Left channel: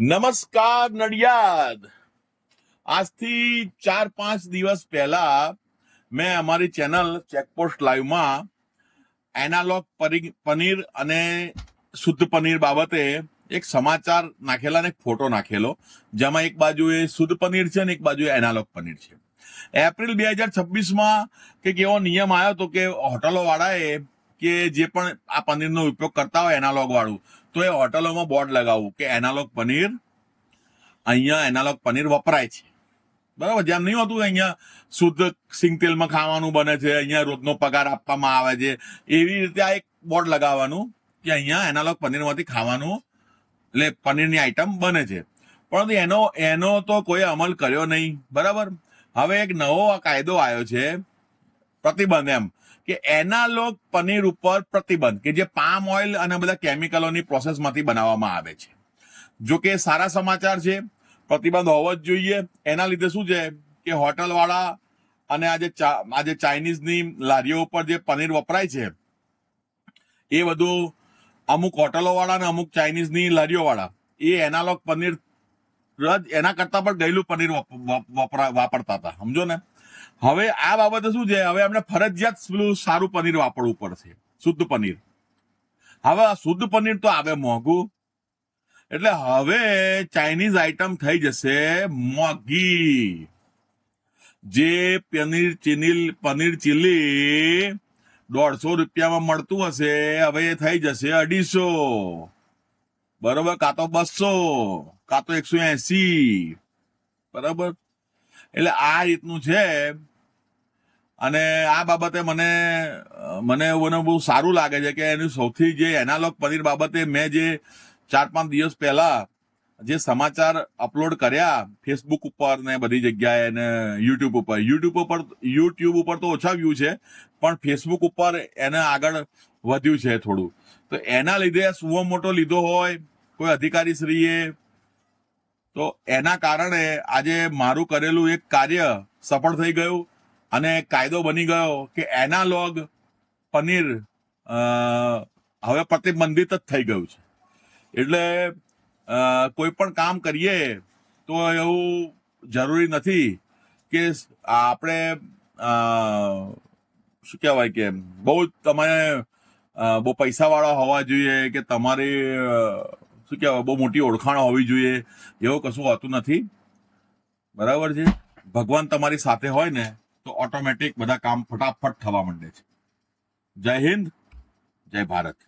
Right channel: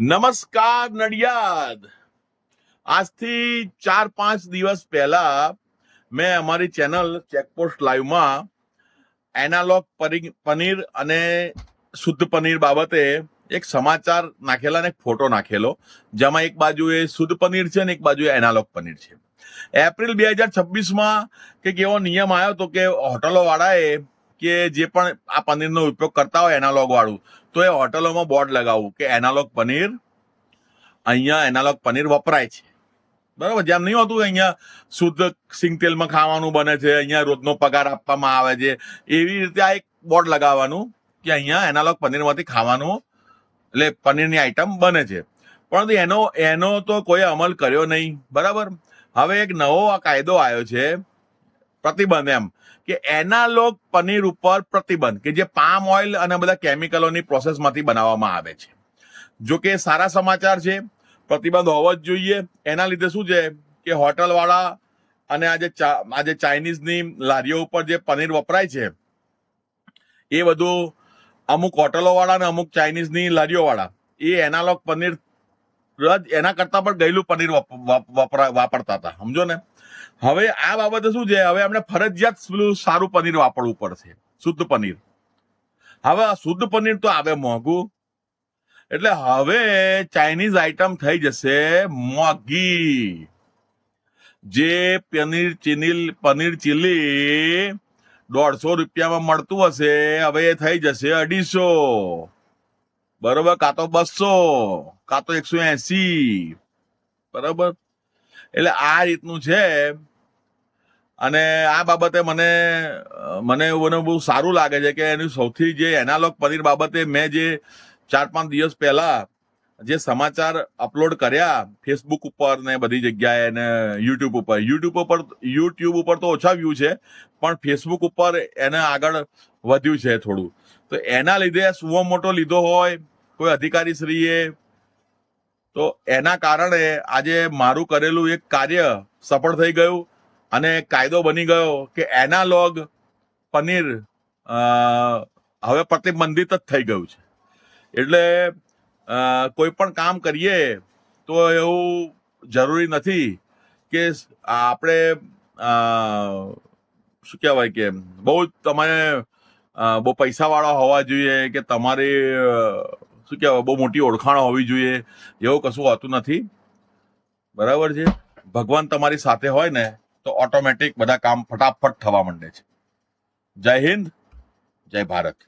નમસ્કાર નડિયાદ. આજથી 4-5 દિવસ પહેલા મેં અમારી ચેનલ ચેકપોસ્ટ લાઈવમાં એનાલોગ પનીર અને શુદ્ધ પનીર બાબતે એક સમાચાર નાખેલા ને એક ફોટો નાખેલો, જેમાં એક બાજુ એ શુદ્ધ પનીર છે ને એક બાજુ એનાલોગ પનીર છે. એપ્રિલ 2026માં કંઈક એવો નિયમ આવ્યો હતો કે હોટલો વાળાએ કે જે પણ આ પનીરનો ઉપયોગ કરતા હોય એનાલોગ વાળું, તો એ હોટલોમાં બોર્ડ લગાવવું કે એનાલોગ પનીર, અહીંયા એનાલોગ પનીર વપરાય છે. બરાબર, જેમ નહીં હોતું અહીંયા શુદ્ધ સિંગ તેલમાં ખાવાનું બને છે, અહીંયા રોજનો પગાર આપવામાં આવે છે, એવી રીતે આ એક બોર્ડ લગાવવાનું કે અહીંયા એનાલોગ પનીરમાંથી ખાવાનું, એટલે પનીરની આઈટમ બને છે. પરંતુ એનો તો કોઈ અમલ કર્યો નહીં. બરાબર, હવે એક નવો કાયદો આવ્યો છે, પ્રતિબંધ, એમ કે એનાલોગ પનીર ઉપર પ્રતિબંધ, કે જે પામ ઓઇલ અને બધા કેમિકલોની પ્રોસેસમાંથી બનાવવામાં આવે છે. જો કે સારા સમાચાર છે, પ્રતિબંધ હોવો જ જોઈએ. એના લીધે શું છે કે હોટલ વાળા અને આજે ચાઇનીઝની લારીઓ ઉપર જે પનીર વપરાય છે એ બધું અમુક હોટલો વાળા અને અમુક ચાઇનીઝની લારીઓ વાળા એ એનાલોગ પનીર એના કરતા પણ ગયેલું પનીર વાપરતા હતા, સમજો ને. હવે આ બાબતે શું છે, હવે એમને ફરજિયાત પેલું સારું પનીર વાપરવું પડશે, શુદ્ધ પનીર. હવે આ શુદ્ધ પનીર તો આવે મોંઘું, એટલે હવે ચાઇનીઝ આઈટમ થઈ જશે મોંઘી. જે પનીર ચીલી 150 રૂપિયામાં મળતું હશે, હવે એ થઈ જશે 250, બરોબર, કાં તો 200, કાં તો 180. બરાબર, એટલે આ રીતનું છે. અને આ બાબતે મને બહુ સારું લાગે છે કે એનું સૌથી જે એનાલોગ પનીર બાબતે મેં જે 4-5 દિવસ પહેલા જે સમાચાર અપલોડ કર્યા ફેસબુક ઉપર ને બધી જગ્યાએ ને યુટ્યુબ ઉપર તો ઓછા વ્યૂ છે, પણ ફેસબુક ઉપર એને આગળ વધ્યું છે થોડું. તો એના લીધે સુવો મોટો લીધો હોય કોઈ અધિકારી શ્રીએ, તો એના કારણે આજે મારું કરેલું એક કાર્ય સફળ થઈ ગયું અને કાયદો બની ગયો કે એનાલોગ પનીર હવે પ્રતિબંધિત જ થઈ ગયું છે. એટલે કોઈ પણ કામ કરીએ તો એવું જરૂરી નથી કે આપણે શું કહેવાય કે તમે બહુ પૈસાવાળા હોવા જોઈએ કે તમારી શું કહેવાય બહુ મોટી ઓળખાણ હોવી જોઈએ, એવું કશું હોતું નથી. બરાબર છે, ભગવાન તમારી સાથે હોય ને તો ઓટોમેટિક બધા કામ ફટાફટ થવા માંડે છે. જય હિન્દ, જય ભારત.